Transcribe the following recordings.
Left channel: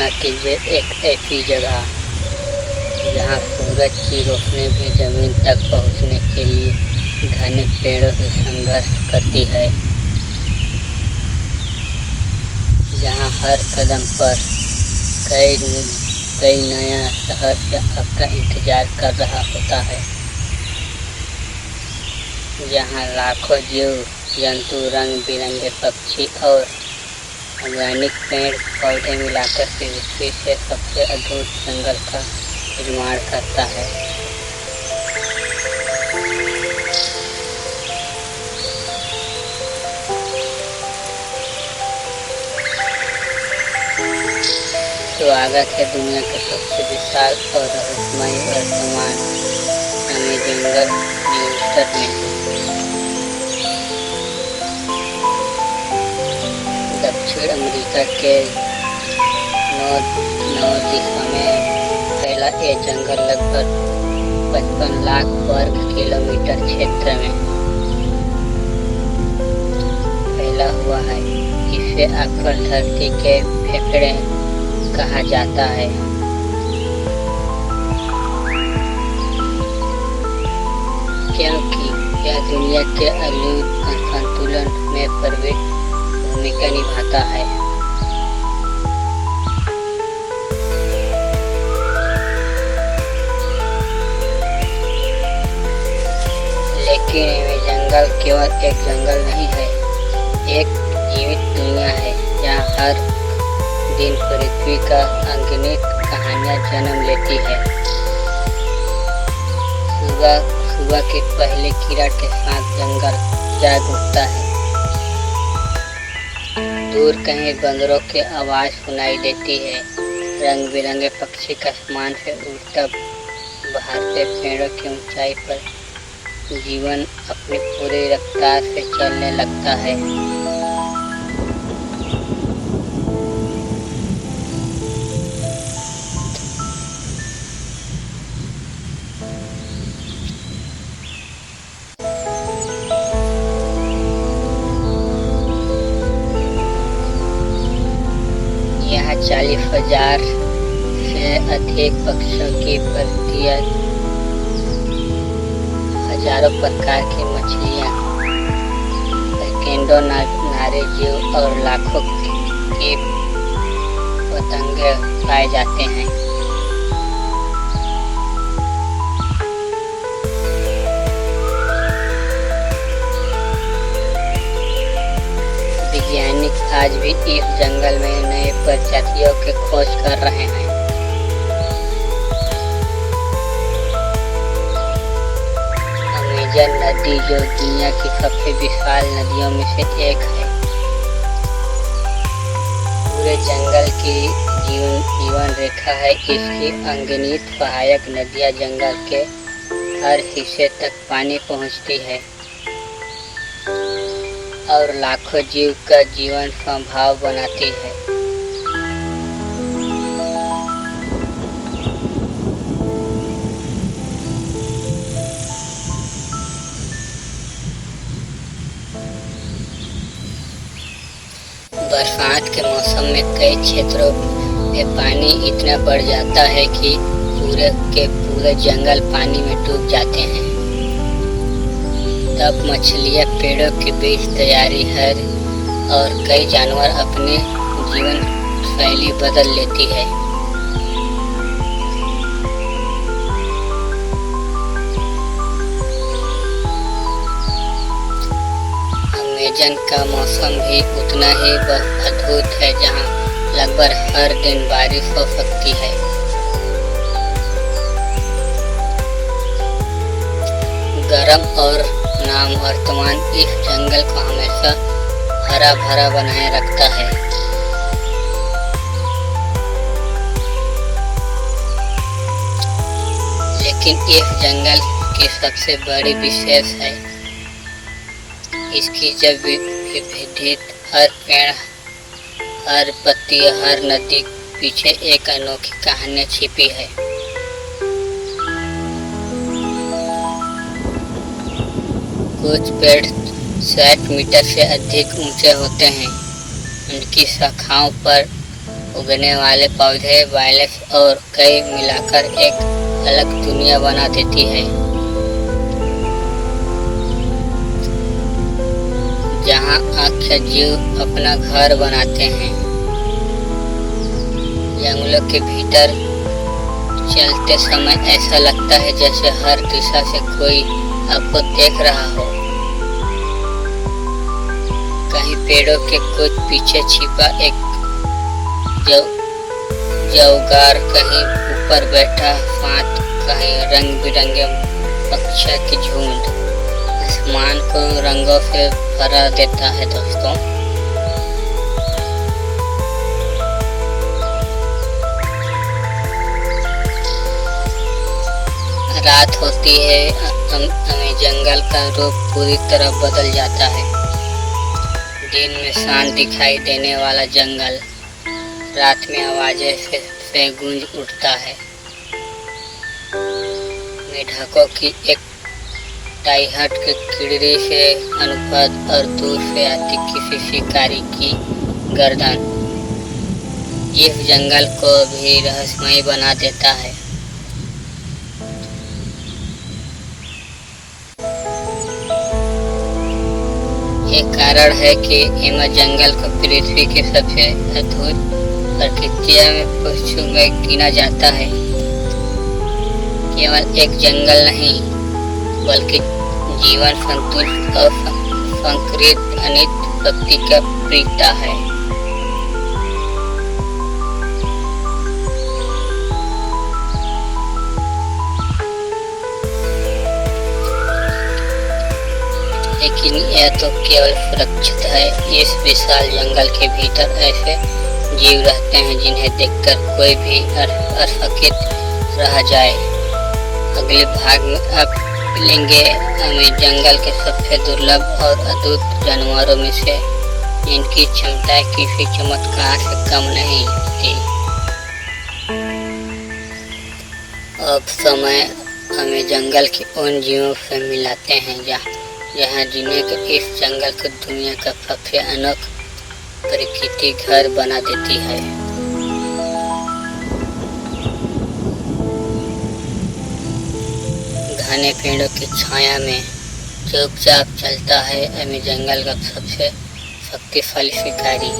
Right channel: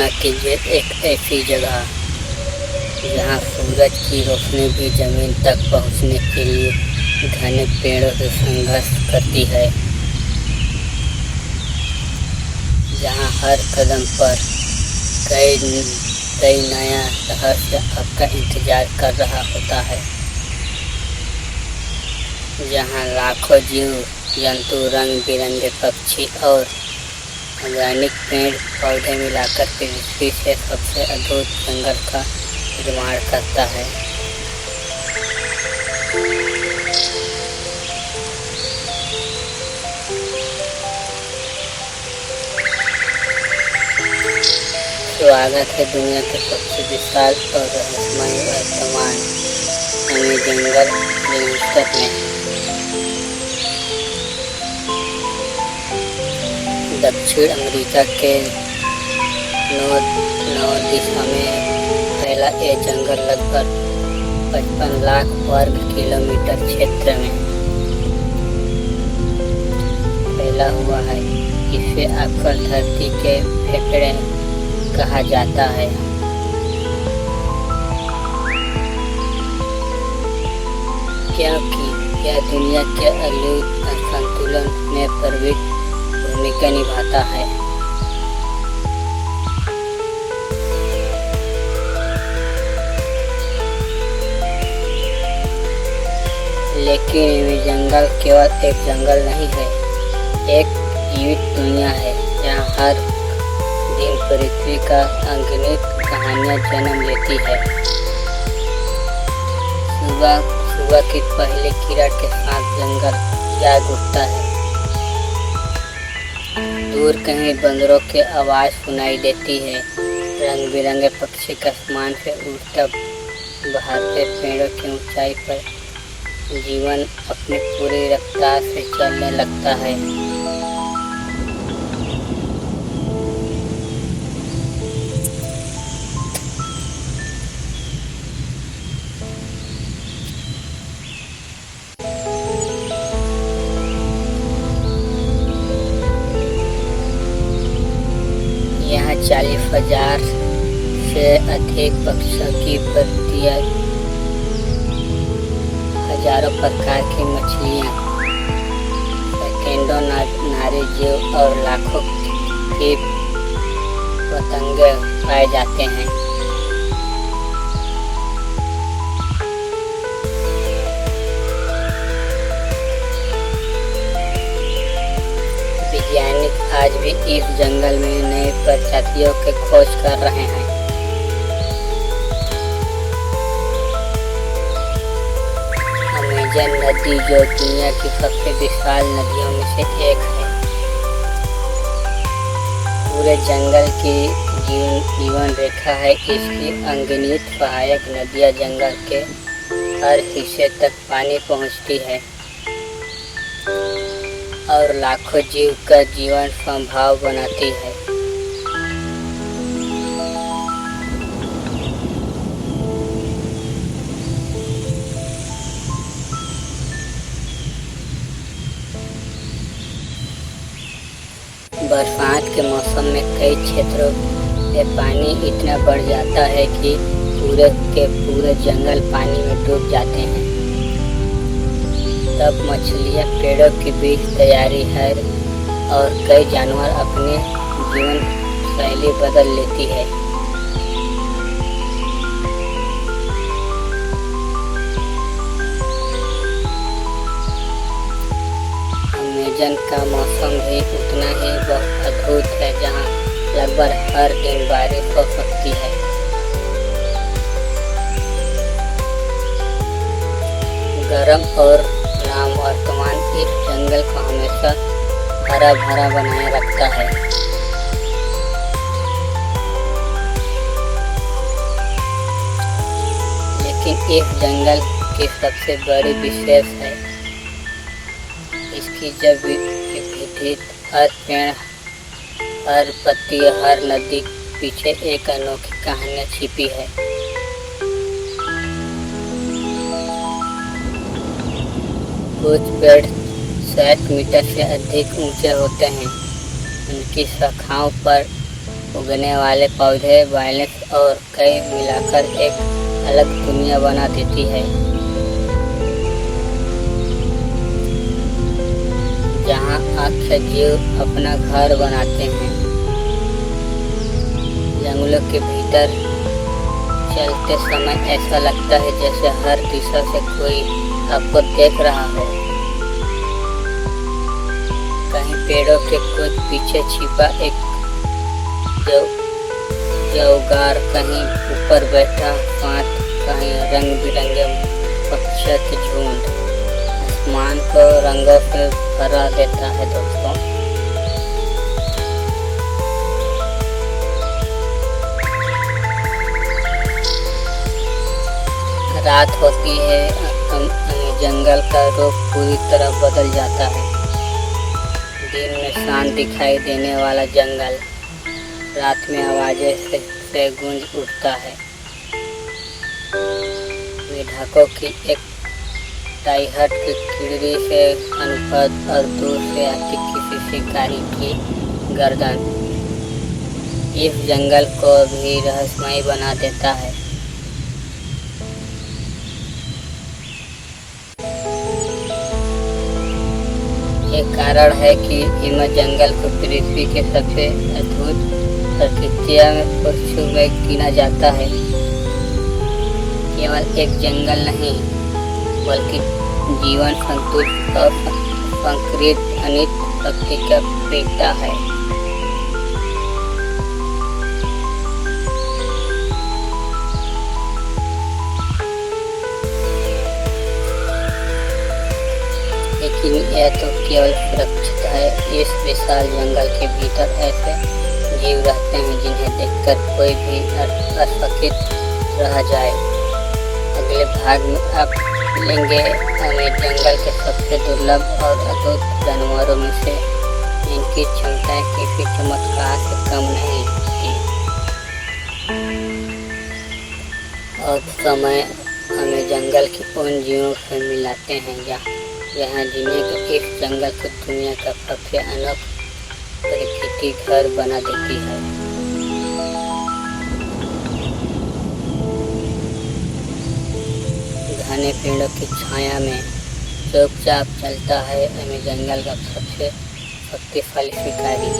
कल्पना कीजिए एक ऐसी जगह जहाँ सूरज की रोशनी भी जमीन तक पहुँचने के लिए घने पेड़ों से संघर्ष करती है, जहाँ हर कदम पर कई नया रहस्य आपका इंतजार कर रहा होता है, जहाँ लाखों जीव जंतु, रंग बिरंगे पक्षी और वैज्ञानिक पेड़ पौधे मिलाकर के पृथ्वी से सबसे अद्भुत जंगल का निर्माण करता है। स्वागत है दुनिया के सबसे विशाल और रहस्यमय सामान यानी जंगल न्यूटन में। दक्षिण अमेरिका के नॉर्थ दिशा में फैला ये जंगल लगभग 55 लाख वर्ग किलोमीटर क्षेत्र में फैला हुआ है। इसे अक्सर धरती के फेफड़े कहा जाता है, क्योंकि यह दुनिया के अलिंद संतुलन में प्रमुख भूमिका निभाता है। लेकिन ये जंगल केवल एक जंगल नहीं है, एक जीवित दुनिया है जहाँ हर दिन पृथ्वी का अगणित कहानियाँ जन्म लेती है। सुबह की पहली किरण के साथ जंगल जाग उठता है। दूर कहीं बंदरों की आवाज सुनाई देती है। रंग बिरंगे पक्षी आसमान से उड़ता बहारते पेड़ों की ऊंचाई पर जीवन अपनी पूरी रफ्तार से चलने लगता है। यहाँ 40,000 से अधिक पक्षियों की प्रजातियां, हजारों प्रकार की मछलियाँ, सैकड़ों नारे जीव और लाखों कीट पतंगे पाए जाते हैं। वैज्ञानिक आज भी इस जंगल में नए प्रजातियों की खोज कर रहे हैं। अमेज़न नदी, जो दुनिया की सबसे विशाल नदियों में से एक है, पूरे जंगल की जीवन रेखा है। इसकी अनगिनत सहायक नदियाँ जंगल के हर हिस्से तक पानी पहुँचती है और लाखों जीव का जीवन संभव बनाती है। बरसात के मौसम में कई क्षेत्रों में पानी इतना बढ़ जाता है कि पूरे के पूरे जंगल पानी में डूब जाते हैं। तब मछलियाँ पेड़ों के बीच तैयारी है और कई जानवर अपनी जीवन शैली बदल लेती है। अमेज़न का मौसम भी उतना ही अद्भुत है, जहाँ लगभग हर दिन बारिश हो सकती है। गर्म और वर्तमान इस जंगल को हमेशा हरा भरा बनाए रखता है। लेकिन इस जंगल की सबसे बड़ी विशेष है इसकी जैव विविधता। हर पेड़, हर पत्ती, हर नदी पीछे एक अनोखी कहानी छिपी है। कुछ पेड़ 60 मीटर से अधिक ऊंचे होते हैं। उनकी शाखाओं पर उगने वाले पौधे, वायलेट्स और कई मिलाकर एक अलग दुनिया बना देती है, जहाँ आख्या जीव अपना घर बनाते हैं। जंगलों के भीतर चलते समय ऐसा लगता है जैसे हर दिशा से कोई आपको देख रहा हो। कहीं पेड़ों के कुछ पीछे छिपा एक जौगार, कहीं ऊपर बैठा फांत, कहीं रंग बिरंगे पक्षियों की झुंड आसमान को रंगों से भरा देता है। दोस्तों, रात होती है, जंगल का रूप पूरी तरह बदल जाता है। दिन में शांत दिखाई देने वाला जंगल रात में आवाजें से गूंज उठता है। मेढकों की एक टाइहट की किड़री से अनुपात और दूर से आती किसी शिकारी की गर्दन इस जंगल को भी रहस्यमय बना देता है। ये कारण है कि हिम जंगल को पृथ्वी की सबसे अद्भुत प्रकृतियों में पुष्पों में गिना जाता है। केवल एक जंगल नहीं, बल्कि जीवन संतुलित और संकरित अनित शक्ति का प्रतीक है। लेकिन यह तो केवल सुरक्षित है। इस विशाल जंगल के भीतर ऐसे जीव रहते हैं जिन्हें देखकर कोई भी अचकित रह जाए। अगले भाग में आप मिलेंगे हमें जंगल के सबसे दुर्लभ और अद्भुत जानवरों में से, जिनकी क्षमताएं किसी चमत्कार से कम नहीं होती। अब समय हमें जंगल के उन जीवों से मिलाते हैं जहाँ जिन्हें इस जंगल को दुनिया का सबसे अनोखा प्रकृति घर बना देती है। घने पेड़ों की छाया में चुपचाप चलता है हमें जंगल का सबसे शक्तिशाली शिकारी।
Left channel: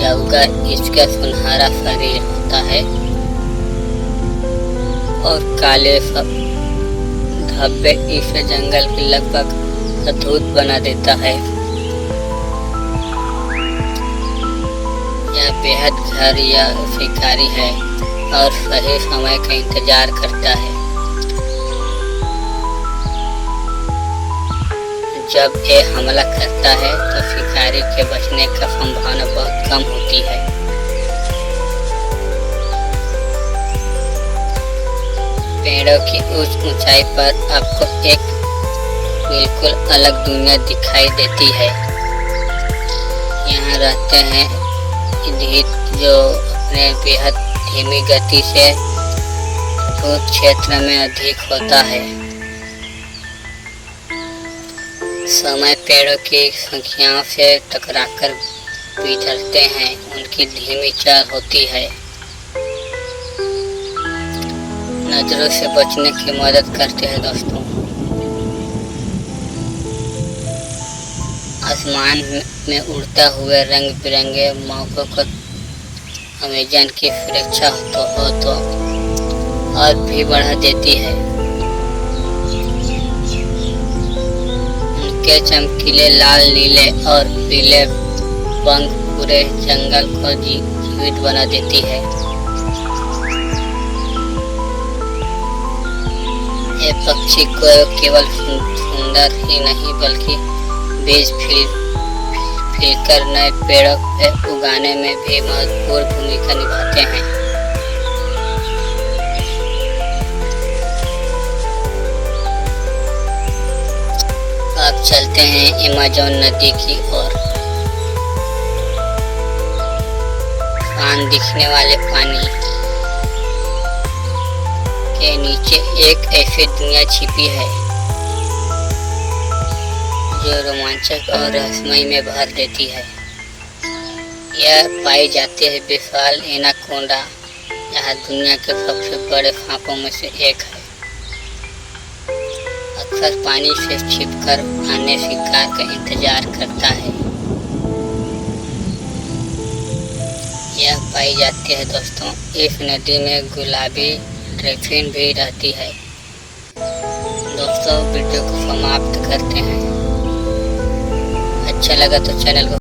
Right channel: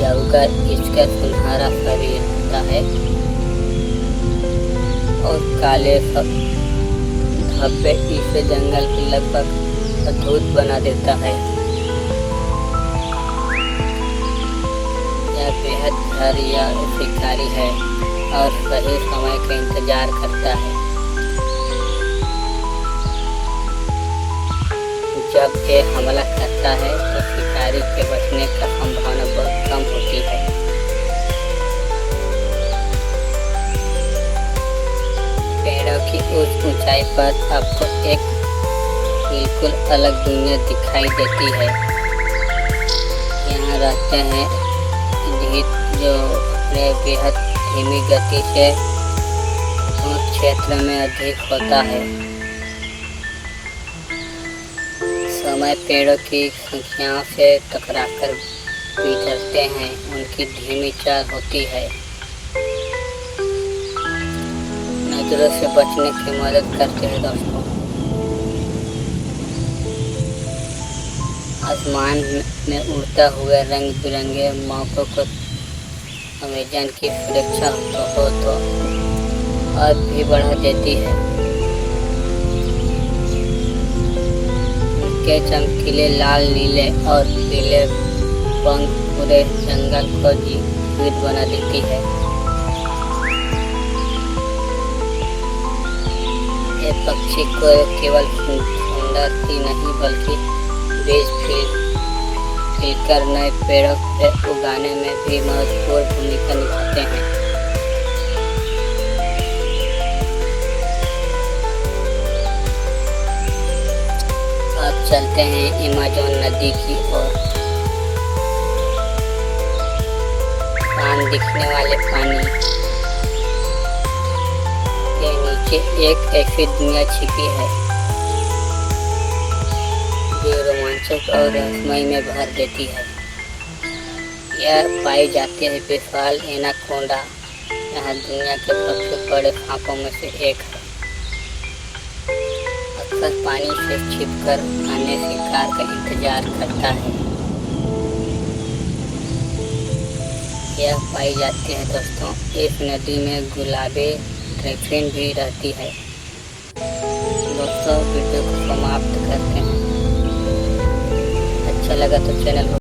जौगर इसका सुनहरा शरीर होता है और काले धब्बे इसे जंगल की लगभग अद्भुत बना देता है। यह बेहद घायल शिकारी है और सही समय का इंतजार करता है। जब ये हमला करता है तो शिकारी के बचने का संभावना बहुत कम होती है। पेड़ों की उस ऊंचाई पर आपको एक बिल्कुल अलग दुनिया दिखाई देती है। यहाँ रहते हैं इंद्रित जो अपने बेहद धीमी गति से उस क्षेत्र में अधिक होता है। समय पेड़ों की संख्याओं से टकराकर बिछड़ते हैं, उनकी धीमी चाल होती है। नजरों से बचने की मदद करते हैं। दोस्तों, आसमान में उड़ता हुए रंग बिरंगे मौकों को अमेजन की सुरक्षा हो तो और भी बढ़ा देती है। उनके चमकीले लाल, नीले और पीले पंख पूरे जंगल को जीवित बना देती है। ये पक्षी को केवल सुंदर ही नहीं बल्कि बीज फिलकर नए पेड़ों पे उगाने में भी महत्वपूर्ण भूमिका निभाते हैं। अब चलते हैं अमेज़न नदी की ओर। शांत दिखने वाले पानी के नीचे एक ऐसी दुनिया छिपी है जो रोमांचक और रहस्यमय में भर देती है। यह पाई जाती है विशाल एनाकोंडा। यह दुनिया के सबसे बड़े सांपों में से एक है। अक्सर पानी से छिपकर आने शिकार का इंतजार करता है। यह पाई जाती है दोस्तों। इस नदी में गुलाबी डॉल्फिन भी रहती है। दोस्तों वीडियो को समाप्त करते हैं। अच्छा लगा तो चैनल को